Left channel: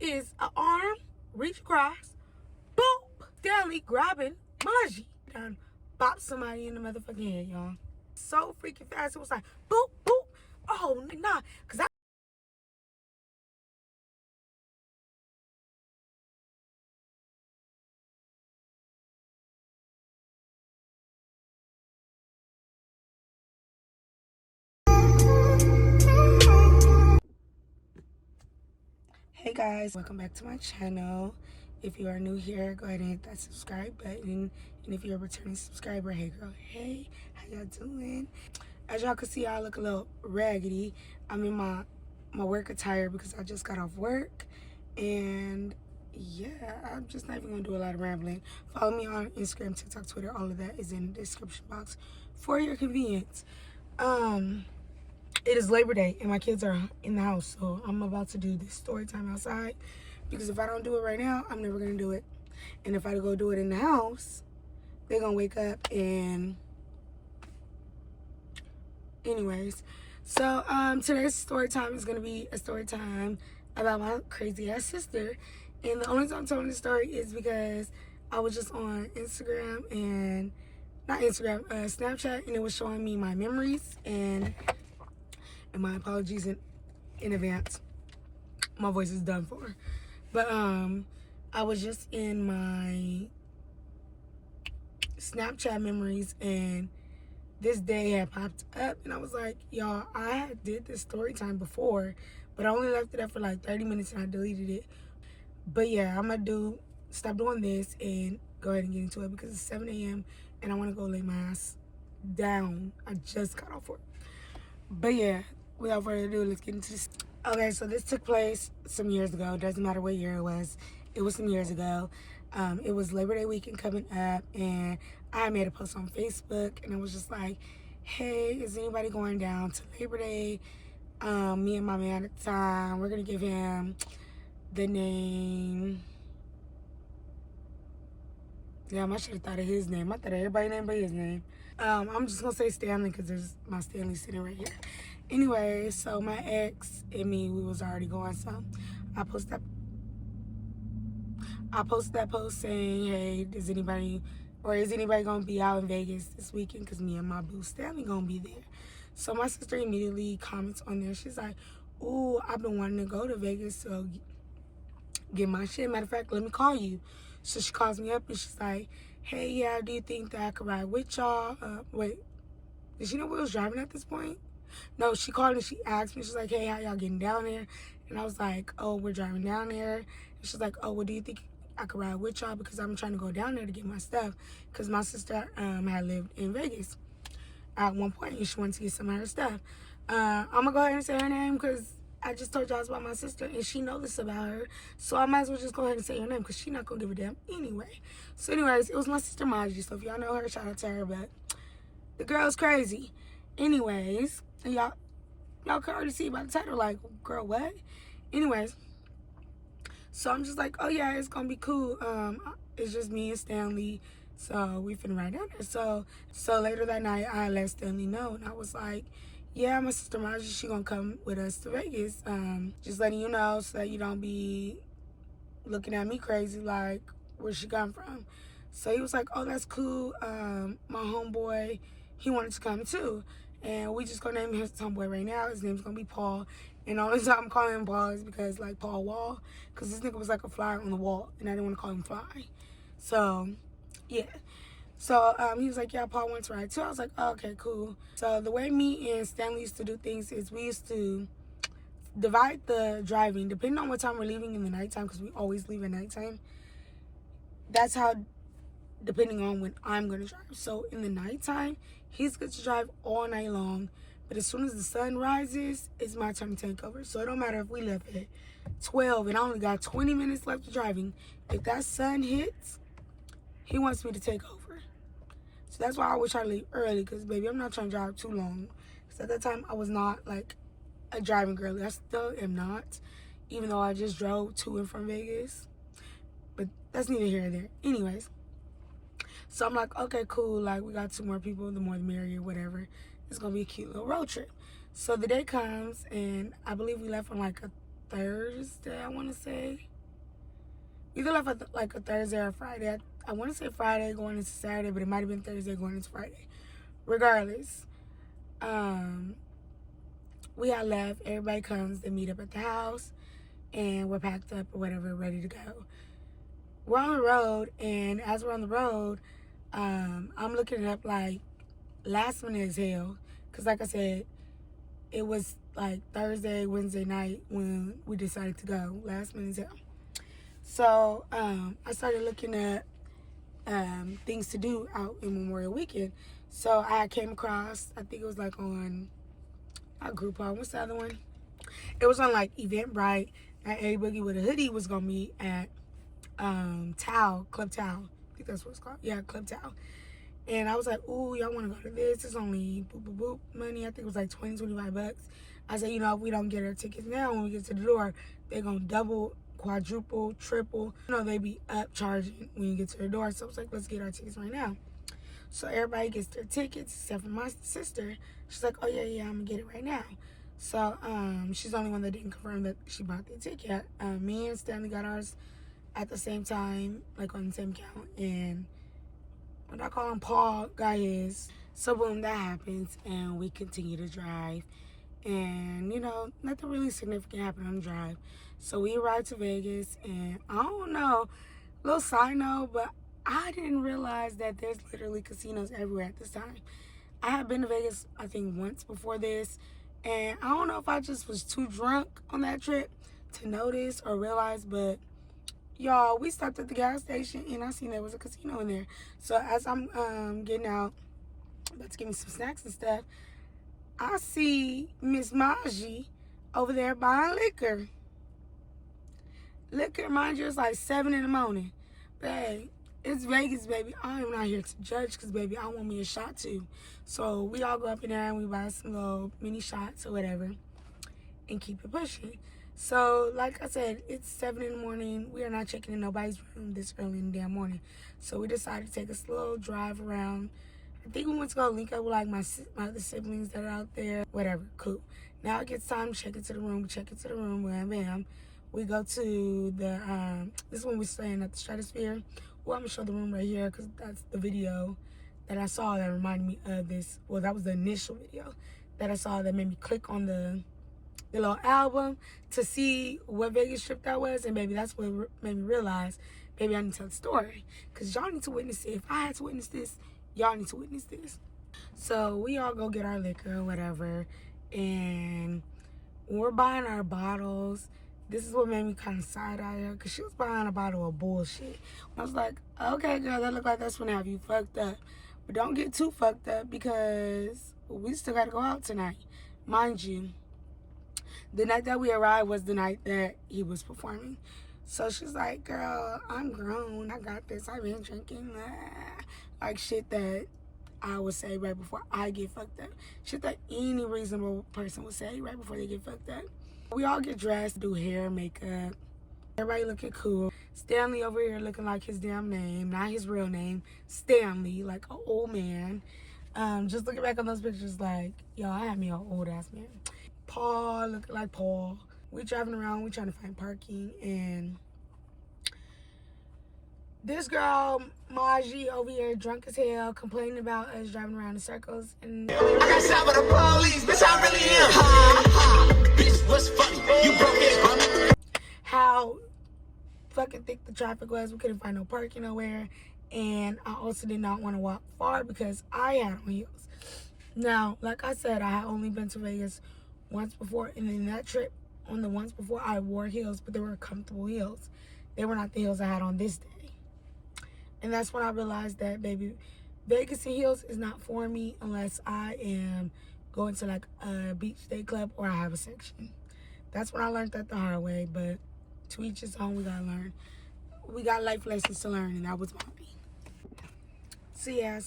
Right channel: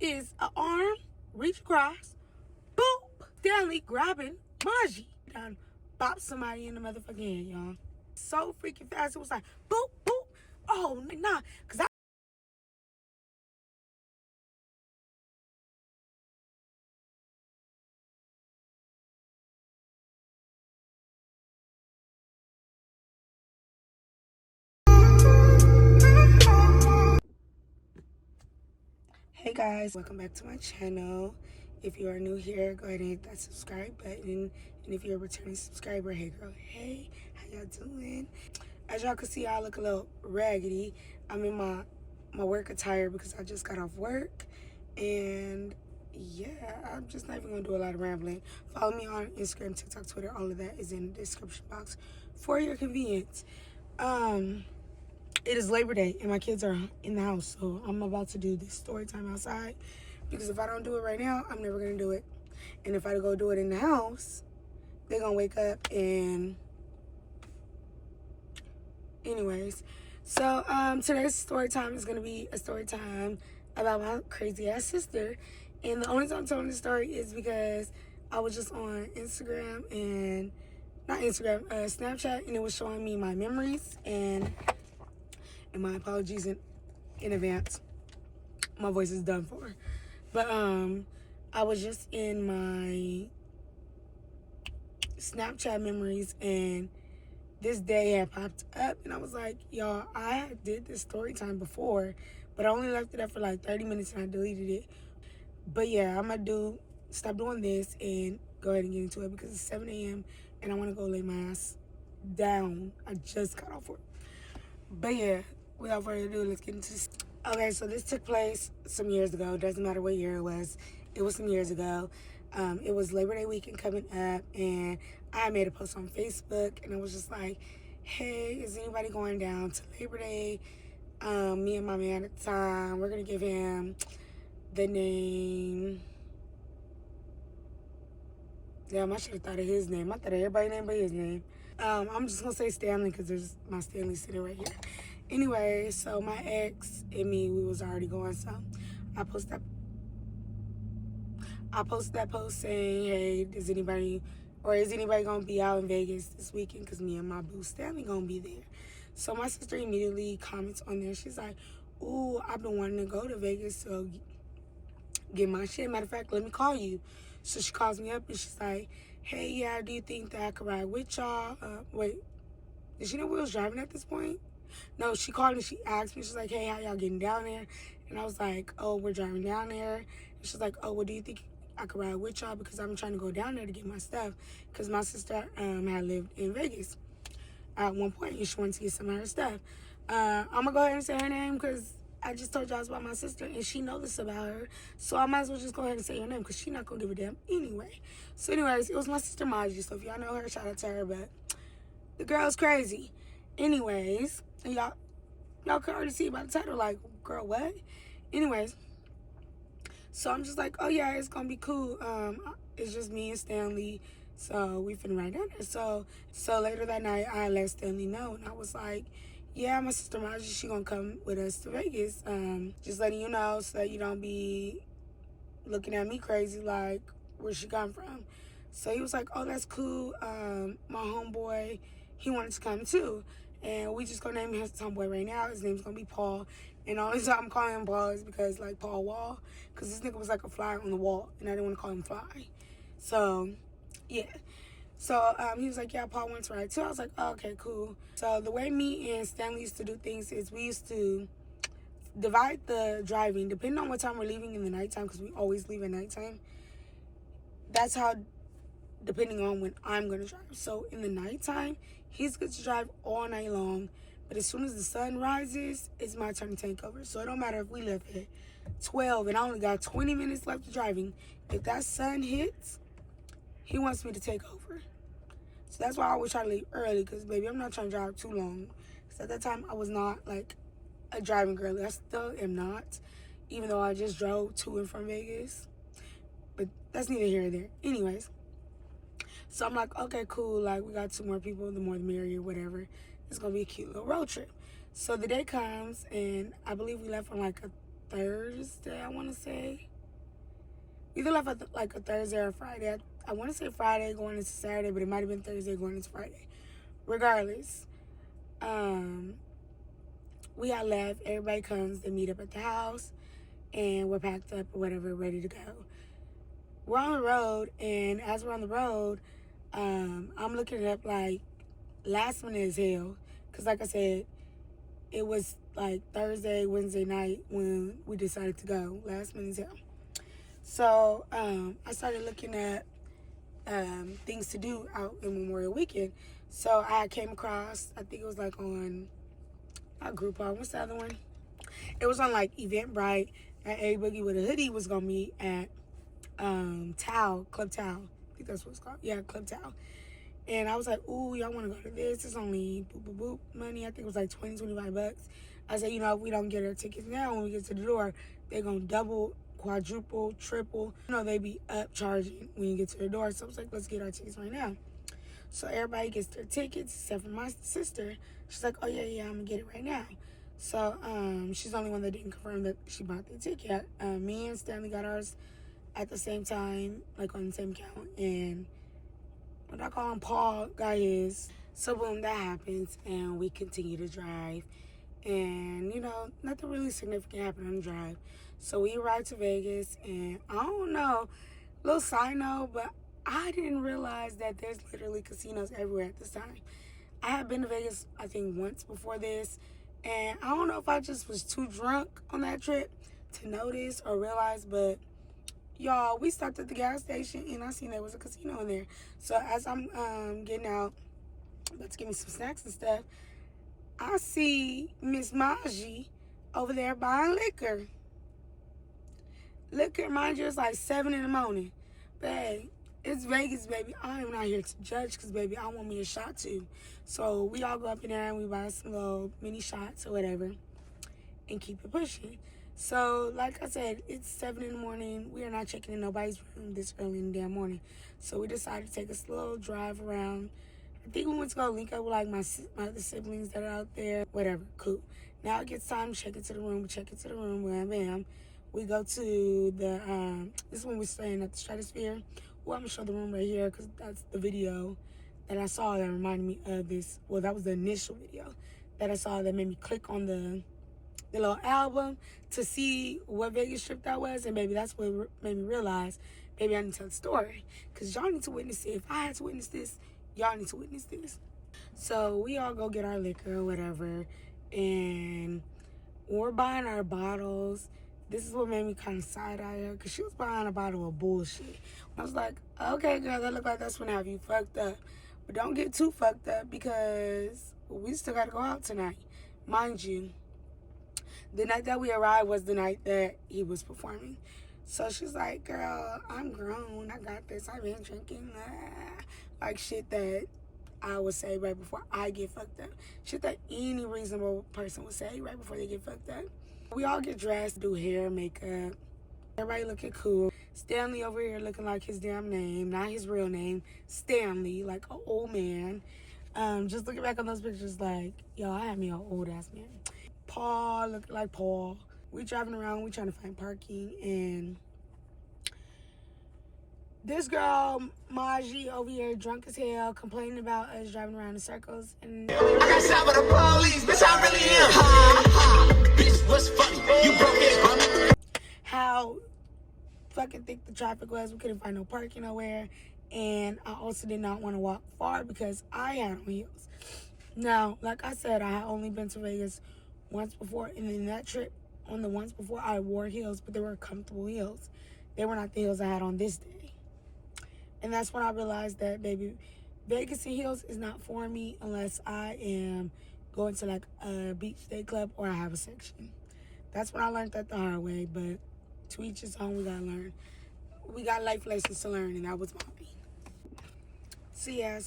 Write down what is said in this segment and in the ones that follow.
is an arm reach across, boop, Stanley grabbing Maji. Done bop somebody in the motherfucking head, y'all. So freaking fast. It was like, boop, boop. Oh, nah. Because Hey guys, welcome back to my channel. If you are new here, go ahead and hit that subscribe button. And if you're a returning subscriber, hey girl, hey, how y'all doing? As y'all can see, I look a little raggedy. I'm in my work attire because I just got off work. And yeah, I'm just not even gonna do a lot of rambling. Follow me on Instagram, TikTok, Twitter, all of that is in the description box for your convenience. It is Labor Day and my kids are in the house, so I'm about to do this story time outside because if I don't do it right now, I'm never gonna do it. And if I go do it in the house, they're gonna wake up and anyways. So today's story time is gonna be a story time about my crazy ass sister. And the only time I'm telling this story is because I was just on Instagram and not Instagram, Snapchat, and it was showing me my memories and my apologies in advance. My voice is done for. But I was just in my Snapchat memories and this day had popped up and I was like, y'all, I did this story time before, but I only left it up for like 30 minutes and I deleted it. But yeah, I'm gonna stop doing this and go ahead and get into it because it's 7 a.m. and I wanna go lay my ass down. I just got off work. But yeah, without further ado, let's get into this. Okay, so this took place some years ago. Doesn't matter what year it was. It was some years ago. It was Labor Day weekend coming up, and I made a post on Facebook, and I was just like, hey, is anybody going down to Labor Day? Me and my man at the time, we're going to give him the name. Damn, I should have thought of his name. I thought of everybody's name but his name. I'm just going to say Stanley because there's my Stanley sitting right here. Anyway, so my ex and me, we was already going. So I posted that post saying, hey, is anybody going to be out in Vegas this weekend? Because me and my boo Stanley going to be there. So my sister immediately comments on there. She's like, ooh, I've been wanting to go to Vegas to get my shit. Matter of fact, let me call you. So she calls me up and she's like, hey, yeah, do you think that I could ride with y'all? Wait, did she know we was driving at this point? No, she called and she asked me. She's like, hey, how y'all getting down there? And I was like, oh, we're driving down there. And she's like, oh, well, do you think I could ride with y'all? Because I'm trying to go down there to get my stuff. Because my sister had lived in Vegas at one point and she wanted to get some of her stuff. I'm going to go ahead and say her name because I just told y'all about my sister and she knows this about her. So I might as well just go ahead and say her name because she's not going to give a damn anyway. So anyways, it was my sister Maji. So if y'all know her, shout out to her. But the girl's crazy. Anyways, and y'all can already see by the title, like, girl, what? Anyways, so I'm just like, oh yeah, it's gonna be cool. It's just me and Stanley, so we finna ride down there. So later that night, I let Stanley know, and I was like, yeah, my sister Maji, she gonna come with us to Vegas. Just letting you know so that you don't be looking at me crazy, like, where she come from. So he was like, oh, that's cool. My homeboy, he wanted to come too. And we just gonna name his homeboy right now. His name's gonna be Paul. And the only time I'm calling him Paul is because, like, Paul Wall. Because this nigga was like a fly on the wall. And I didn't want to call him Fly. So, yeah. So, he was like, yeah, Paul wants to ride too. I was like, oh, okay, cool. So, the way me and Stanley used to do things is we used to divide the driving. Depending on what time we're leaving in the nighttime, because we always leave at nighttime. That's how, depending on when I'm going to drive. So, in the nighttime, he's good to drive all night long. But as soon as the sun rises, it's my turn to take over. So it don't matter if we left at 12 and I only got 20 minutes left of driving. If that sun hits, he wants me to take over. So that's why I always try to leave early. Because, baby, I'm not trying to drive too long. Because at that time, I was not, like, a driving girl. I still am not. Even though I just drove to and from Vegas. But that's neither here nor there. Anyways. So I'm like, okay, cool. Like, we got 2 more people. The more the merrier, whatever. It's going to be a cute little road trip. So the day comes, and I believe we left on, like, a Thursday, I want to say. Either left like a Thursday or Friday. I want to say Friday going into Saturday, but it might have been Thursday going into Friday. Regardless, we had left. Everybody comes, they meet up at the house, and we're packed up or whatever, ready to go. We're on the road, and as we're on the road, I'm looking it up like last minute as hell. Because like I said, it was like Thursday, Wednesday night when we decided to go. Last minute as hell. So I started looking at things to do out in Memorial Weekend. So I came across, I think it was like on a Groupon. What's the other one? It was on like Eventbrite that A Boogie with a Hoodie was gonna meet at Club Tao. I think that's what it's called. Yeah, Club Tao. And I was like, ooh, y'all want to go to this? It's only boop, boop, boop money. I think it was like 20, 25 bucks. I said, you know, if we don't get our tickets now, when we get to the door, they're going to double, quadruple, triple. You know, they be upcharging when you get to the door. So I was like, let's get our tickets right now. So everybody gets their tickets except for my sister. She's like, oh, yeah, I'm going to get it right now. So she's the only one that didn't confirm that she bought the ticket. Me and Stanley got ours at the same time, like on the same account. And what I call him, Paul, got his. So boom, that happens, and we continue to drive. And, you know, nothing really significant happened on the drive. So we arrived to Vegas, and I don't know, little side note, but I didn't realize that there's literally casinos everywhere at this time. I had been to Vegas, I think, once before this, and I don't know if I just was too drunk on that trip to notice or realize, but y'all, we stopped at the gas station, and I seen there was a casino in there. So as I'm getting out, about to get me some snacks and stuff, I see Miss Maji over there buying liquor. Liquor, mind you, it's like 7 in the morning. Babe, it's Vegas, baby. I'm not here to judge because, baby, I want me a shot too. So we all go up in there and we buy some little mini shots or whatever and keep it pushing. So, like I said, it's 7 in the morning. We are not checking in nobody's room this early in the damn morning. So we decided to take a slow drive around. I think we went to go link up with like my other siblings that are out there. Whatever, cool. Now it gets time to check into the room. We check into the room, bam, bam. We go to the, this is when we're staying at the Stratosphere. Well, I'm going to show the room right here because that's the video that I saw that reminded me of this. Well, that was the initial video that I saw that made me click on the little album to see what Vegas trip that was. And maybe that's what made me realize, maybe I need to tell the story. Because y'all need to witness it. If I had to witness this, y'all need to witness this. So we all go get our liquor or whatever. And when we're buying our bottles, this is what made me kind of side-eye her, because she was buying a bottle of bullshit. I was like, okay, girl, that look like that's gonna have you fucked up. But don't get too fucked up because we still gotta go out tonight. Mind you, the night that we arrived was the night that he was performing. So she's like, girl, I'm grown. I got this. I've been drinking. Like shit that I would say right before I get fucked up. Shit that any reasonable person would say right before they get fucked up. We all get dressed, do hair, makeup. Everybody looking cool. Stanley over here looking like his damn name, not his real name. Stanley, like an old man. Just looking back on those pictures like, yo, I had me an old ass man. Paul looking like Paul. We driving around, we trying to find parking, and this girl, Maji, over here drunk as hell, complaining about us driving around in circles. And I got shot by the police, bitch, I really am. Ha, ha, bitch, what's funny? You broke it, how fucking thick the traffic was. We couldn't find no parking nowhere. And I also did not want to walk far because I had on heels. Now, like I said, I had only been to Vegas once before. And in that trip, on the once before, I wore heels, but they were comfortable heels. They were not the heels I had on this day. And that's when I realized that, baby, Vegas and heels is not for me unless I am going to like a beach day club or I have a section. That's when I learned that the hard way, but to each his own, we gotta learn. We got life lessons to learn, and that was mine. So yeah,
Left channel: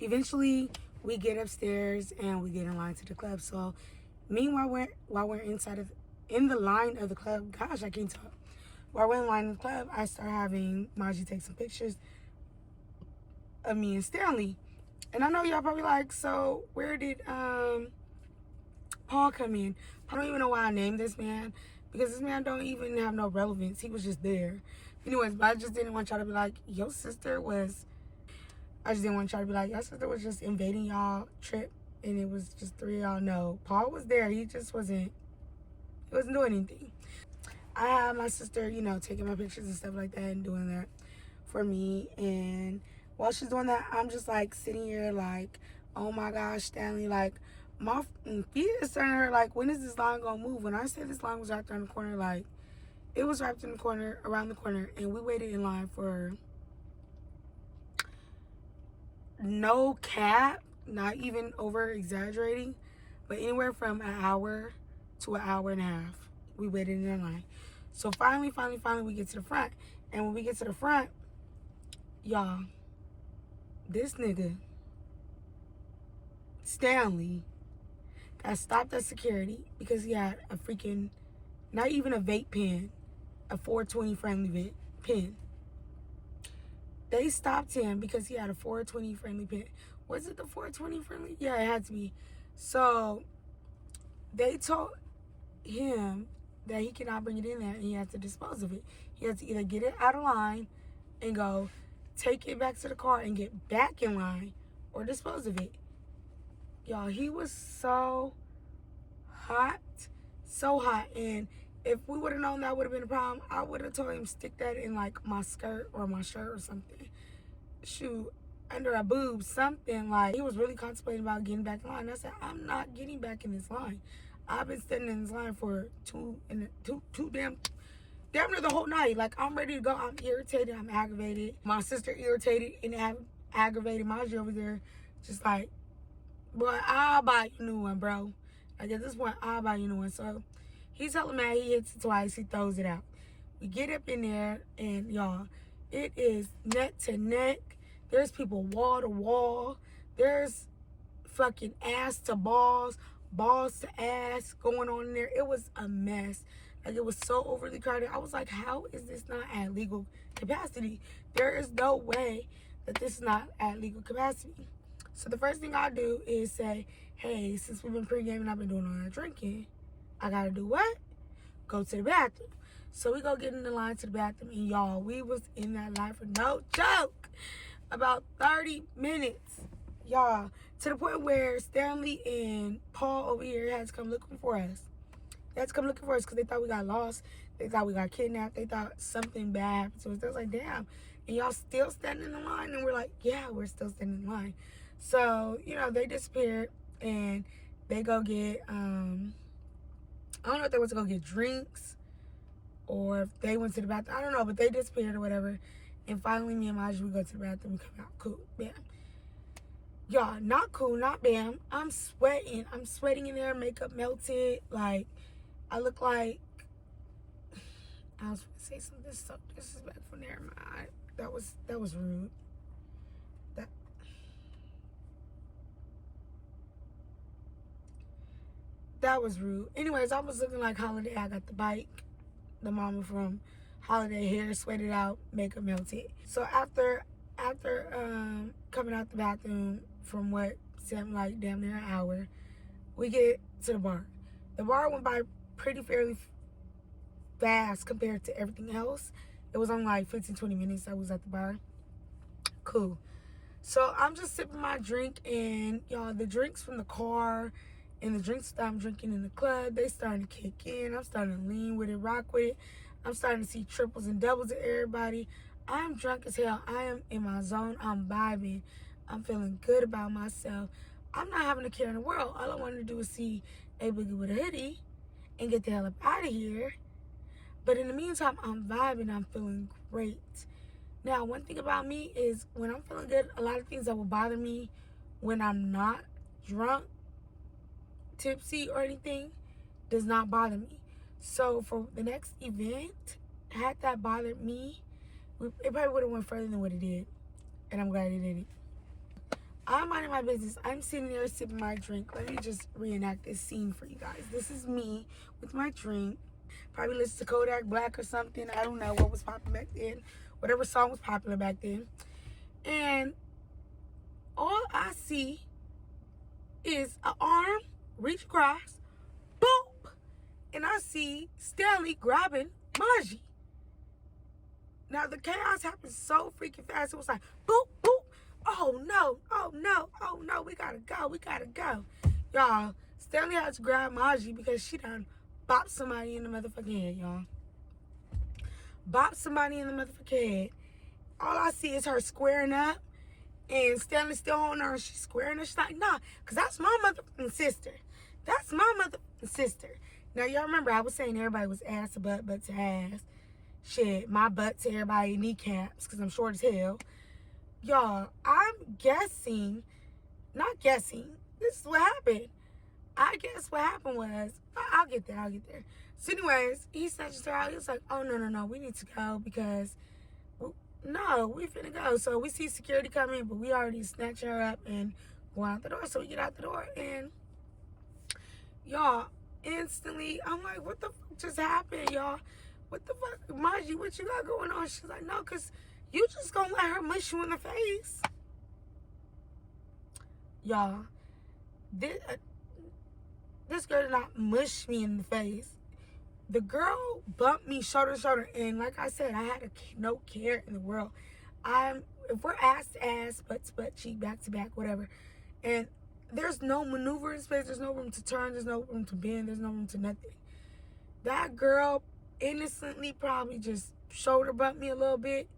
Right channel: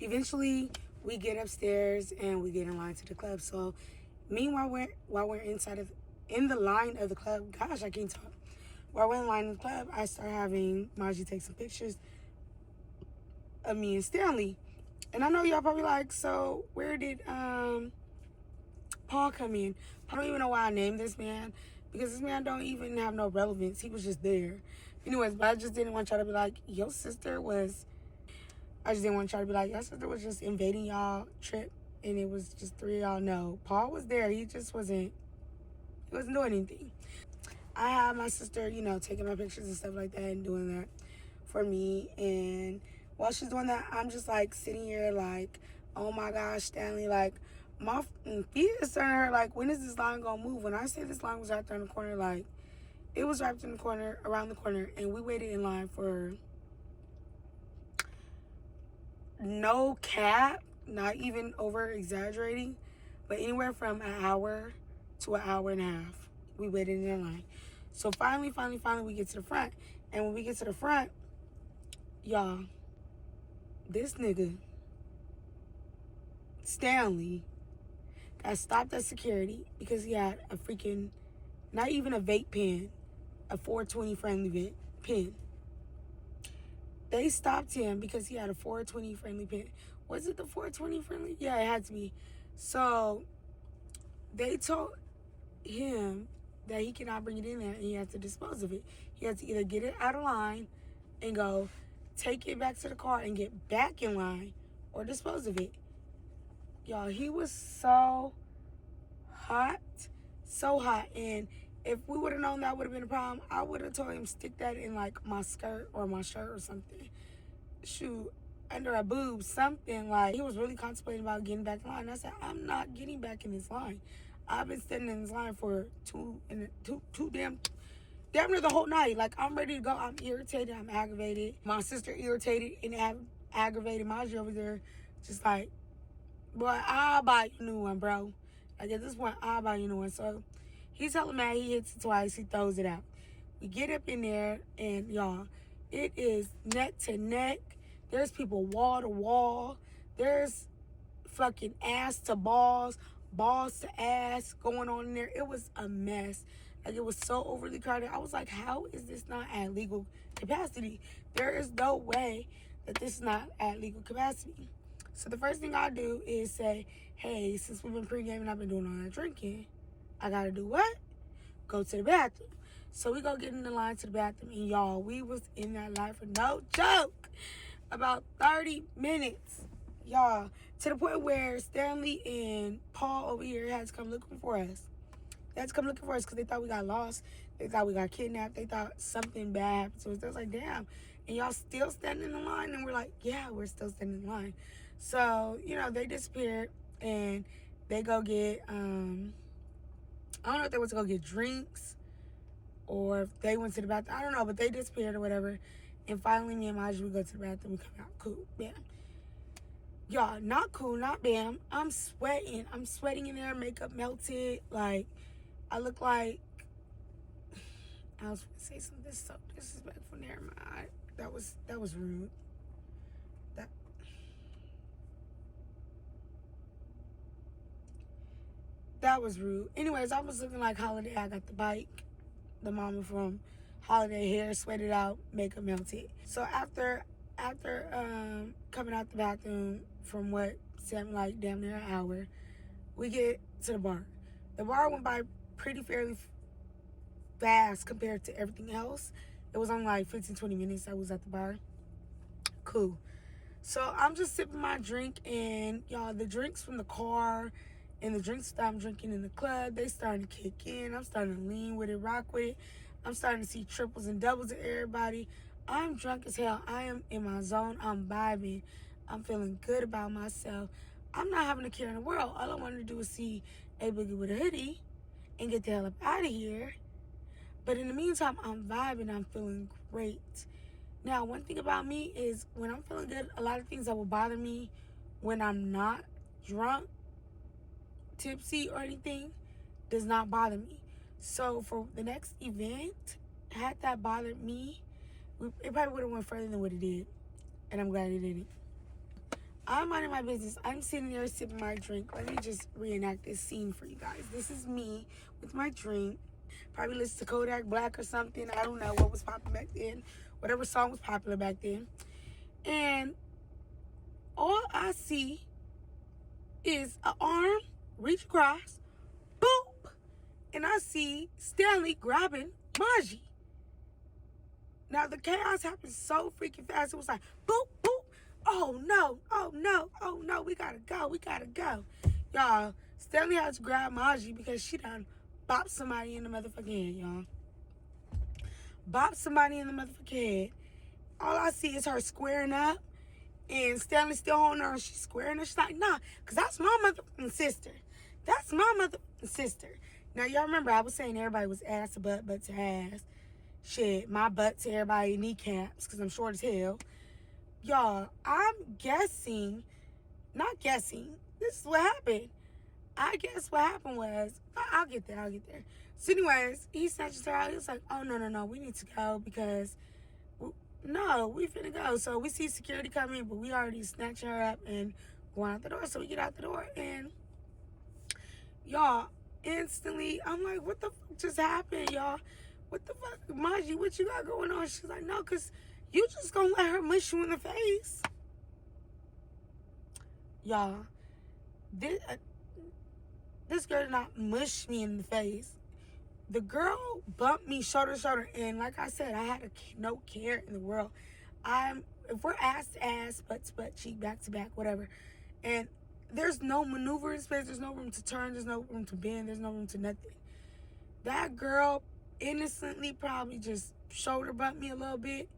eventually we get upstairs and we get in line to the club. So meanwhile, while we're in the line of the club, gosh, I can't talk. While we're in line of the club, I start having Maji take some pictures of me and Stanley. And I know y'all probably like, so where did Paul come in. I don't even know why I named this man, because this man don't even have no relevance. He was just there. Anyways, but I just didn't want y'all to be like, your sister was... I just didn't want y'all to be like, your sister was just invading y'all trip, and it was just three of y'all. No, Paul was there. He just wasn't... He wasn't doing anything. I had my sister, you know, taking my pictures and stuff like that and doing that for me. And while she's doing that, I'm just like sitting here like, oh my gosh, Stanley, like my feet is turning her. Like, when is this line gonna move? When I say this line was right there in the corner, like it was right in the corner, around the corner, and we waited in line for, no cap, not even over exaggerating, but anywhere from an hour to an hour and a half. We waited in line. So finally, we get to the front. And when we get to the front, y'all, this nigga, Stanley, got stopped at security because he had a freaking, not even a vape pen, a 420 friendly pen. They stopped him because he had a 420 friendly pen. Was it the 420 friendly? Yeah, it had to be. So they told him that he cannot bring it in there and he has to dispose of it. He has to either get it out of line and go take it back to the car and get back in line, or dispose of it. Y'all, he was so hot, so hot. And if we would have known that would have been a problem, I would have told him stick that in like my skirt or my shirt or something. Shoot, under a boob, something. Like, he was really contemplating about getting back in line. I said, I'm not getting back in this line. I've been standing in this line for damn near the whole night. Like, I'm ready to go. I'm irritated. I'm aggravated. My sister irritated and aggravated. Maji over there just like, boy, I'll buy you a new one, bro. Like, at this point, I'll buy you a new one. So he's hella mad. He hits it twice. He throws it out. We get up in there, and y'all, it is neck to neck. There's people wall to wall. There's fucking ass to balls, balls to ass going on in there. It was a mess. Like, it was so overly crowded. I was like, how is this not at legal capacity? There is no way that this is not at legal capacity. So the first thing I do is say, hey, since we've been pre-gaming, I've been doing all that drinking, I gotta do what? Go to the bathroom. So we go get in the line to the bathroom, and y'all, we was in that line for no joke, about 30 minutes. Y'all, to the point where Stanley and Paul over here had to come looking for us. They had to come looking for us because they thought we got lost. They thought we got kidnapped. They thought something bad happened to us. They was like, damn, and y'all still standing in line? And we're like, yeah, we're still standing in line. So, you know, they disappeared, and they go get, I don't know if they went to go get drinks or if they went to the bathroom. I don't know, but they disappeared or whatever. And finally, me and Maji, we go to the bathroom. We come out. Cool. Bam. Y'all, not cool, not bam. I'm sweating. I'm sweating in there. Makeup melted. Like, I look like... I was going to say something so disrespectful. Never mind. That was rude. That was rude. Anyways, I was looking like Holiday. I got the bike. The mama from Holiday, hair sweated out, makeup melted. So after coming out the bathroom from what seemed like damn near an hour, we get to the bar. The bar went by pretty fairly fast compared to everything else. It was only like 15-20 minutes I was at the bar. Cool. So I'm just sipping my drink, and y'all, the drinks from the car and the drinks that I'm drinking in the club, they starting to kick in. I'm starting to lean with it, rock with it. I'm starting to see triples and doubles of everybody. I'm drunk as hell. I am in my zone. I'm vibing. I'm feeling good about myself. I'm not having a care in the world. All I wanted to do was see a boogie with a hoodie and get the hell up out of here. But in the meantime, I'm vibing. I'm feeling great. Now, one thing about me is when I'm feeling good, a lot of things that will bother me when I'm not drunk, tipsy, or anything does not bother me. So for the next event, had that bothered me, it probably would have went further than what it did. And I'm glad it didn't. I'm minding my business. I'm sitting there sipping my drink. Let me just reenact this scene for you guys. This is me with my drink. Probably listen to Kodak Black or something. I don't know what was popular back then. Whatever song was popular back then. And all I see is an arm reach across, and I see Stanley grabbing Maji. Now, the chaos happened so freaking fast. It was like, boop, boop. Oh, no. Oh, no. Oh, no. We got to go. We got to go. Y'all, Stanley had to grab Maji because she done bopped somebody in the motherfucking head, y'all. Bopped somebody in the motherfucking head. All I see is her squaring up. And Stanley still holding her. And she's squaring her. She's like, nah. Because that's my motherfucking sister. That's my motherfucking sister. Now, y'all remember I was saying everybody was ass to butt, butt to ass. Shit, my butt to everybody kneecaps because I'm short as hell. Y'all, I'm guessing, not guessing, this is what happened. I guess what happened was, I'll get there. So anyways, he snatches her out. He was like, oh, no, we need to go because, no, we finna go. So we see security coming, but we already snatched her up and going out the door. So we get out the door and, y'all, instantly, I'm like, what the fuck just happened, y'all? What the fuck? Maji, what you got going on? She's like, no, because you just gonna let her mush you in the face. Y'all, this girl did not mush me in the face. The girl bumped me shoulder to shoulder. And like I said, I had no care in the world. If we're ass to ass, butt to butt, cheek, back to back, whatever. And there's no maneuvering space. There's no room to turn. There's no room to bend. There's no room to nothing. That girl innocently probably just shoulder bumped me a little bit.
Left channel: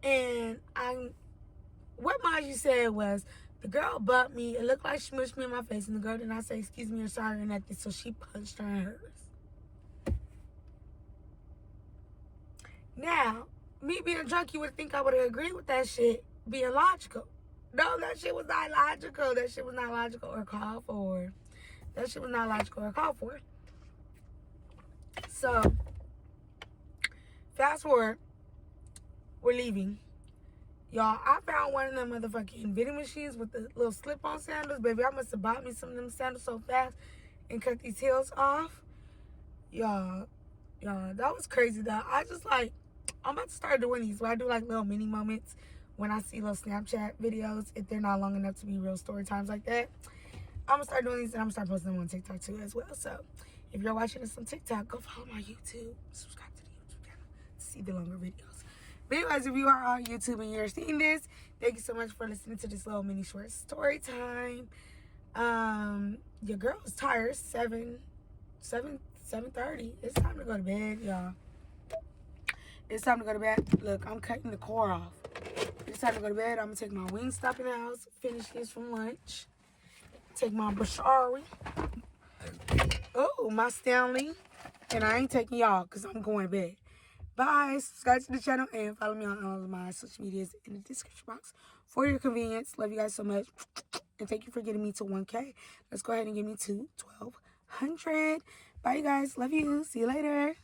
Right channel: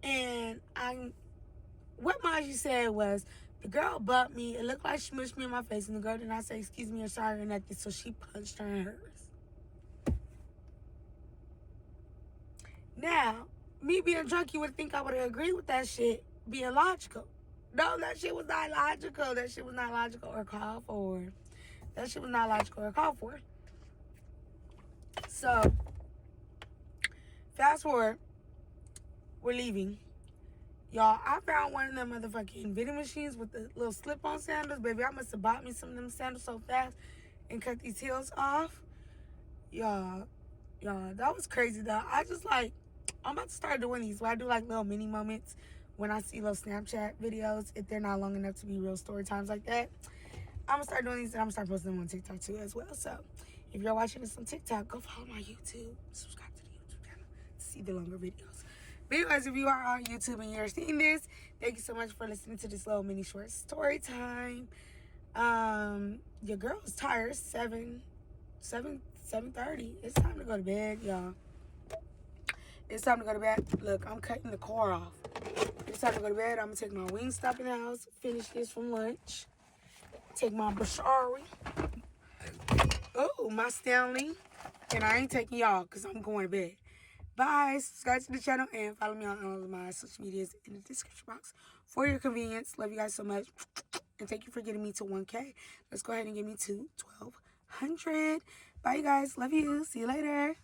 And what Maji said was, the girl bumped me. It looked like she mushed me in my face. And the girl did not say excuse me or sorry or nothing. So she punched her in hers. Now, me being drunk, you would think I would have agreed with that shit being logical. No, that shit was not logical. That shit was not logical or called for. That shit was not logical or called for. So, fast forward, we're leaving. Y'all, I found one of them motherfucking vending machines with the little slip-on sandals. Baby, I must have bought me some of them sandals so fast and cut these heels off. Y'all, that was crazy, though. I'm about to start doing these where I do, like, little mini moments when I see little Snapchat videos, if they're not long enough to be real story times like that. I'm going to start doing these, and I'm going to start posting them on TikTok, too, as well. So, if you're watching this on TikTok, go follow my YouTube. Subscribe to the YouTube channel to see the longer videos. But anyways, if you are on YouTube and you're seeing this, thank you so much for listening to this little mini short story time. Your girl is tired. 7:30. It's time to go to bed, y'all. It's time to go to bed. Look, I'm cutting the core off. It's time to go to bed. I'm going to take my Wingstop in the house, finish this from lunch, take my Bashari. Oh, my Stanley. And I ain't taking y'all because I'm going to bed. Bye. Subscribe to the channel and follow me on all of my social medias in the description box for your convenience. Love you guys so much. And thank you for getting me to 1K. Let's go ahead and get me to 1,200. Bye, you guys. Love you. See you later.